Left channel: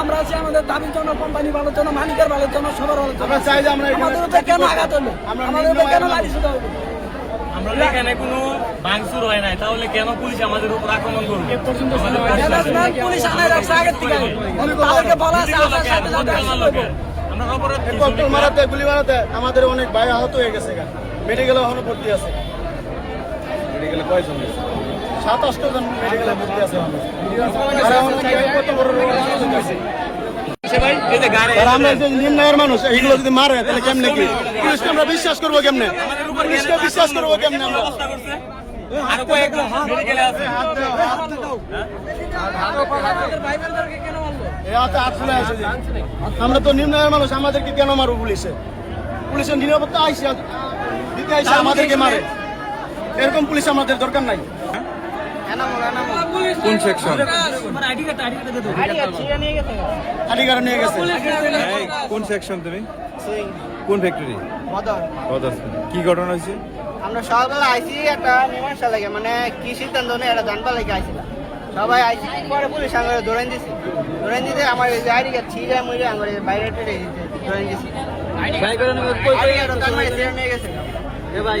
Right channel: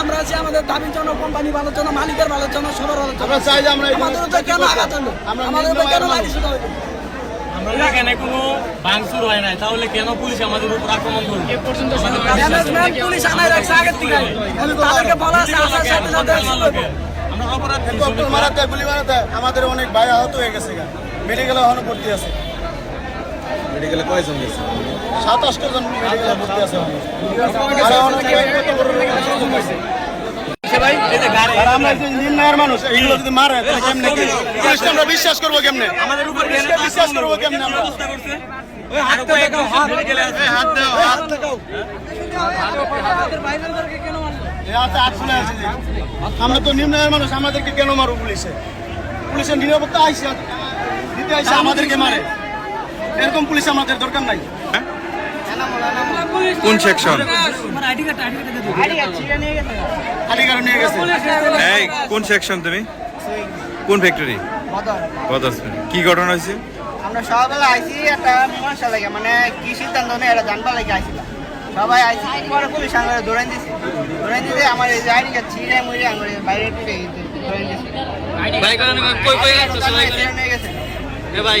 আমরা আছি আমাদের দাবির জন্য, কোম্পানি ভালোর জন্য, মালিকের ভালোর জন্য, সবার ভালোর জন্য। আমাদের কেন আঘাত হলো, আমাদের কেন লাঠি শুধু হইলো? এখানে কোনো ভাঙচুর হয় নাই, তাহলে কেন পুলিশ আমাদের উপর আক্রমণ করবে? পুলিশ আনার রাখছে আগের থেকে। তাদেরকে বলা আছে, আমরা অপরাধ আমাদের অনেক ভাই আহত হয়ে গেছে, মেডিকেলে এখনো ভর্তি আছে। মেডিকেলে কয়জন গেছে? 27 জন মেডিকেলে ভর্তি আছে। নির্ণয়ের মানুষ এইগুলো যদি মারে তাহলে কেমনে কি আমরা বিশ্বাস করবো? কেমনে বিশ্বাস করবো? কেমনে আমরা তো নির্ণয়ের মানুষ, আমাদেরকে কেন মারবো পুলিশে? পুলিশের নিরাপত্তা আইসা দিতে আইসা আমাদেরকে মারে, এরকম পুলিশ আমাদের দরকার নাই। কোন সেকশন? এই কোন সেকশন তুমি? কোন ফ্যাক্টরি? কি ঘটনা হয়েছে? আমরা সকালবেলা আইসি একটা মীমাংসা লাগে, মানে কি সিদ্ধান্ত নেই এটা জানবার লাগে আইছিলাম। সবাই আইসি পরে পুলিশ আমার ধরেন দিছে, আমার এই যে আইডি কার্ড ছিঁড়ে মুড়ে আমার বাইরে ধরেন দিছে। ভাই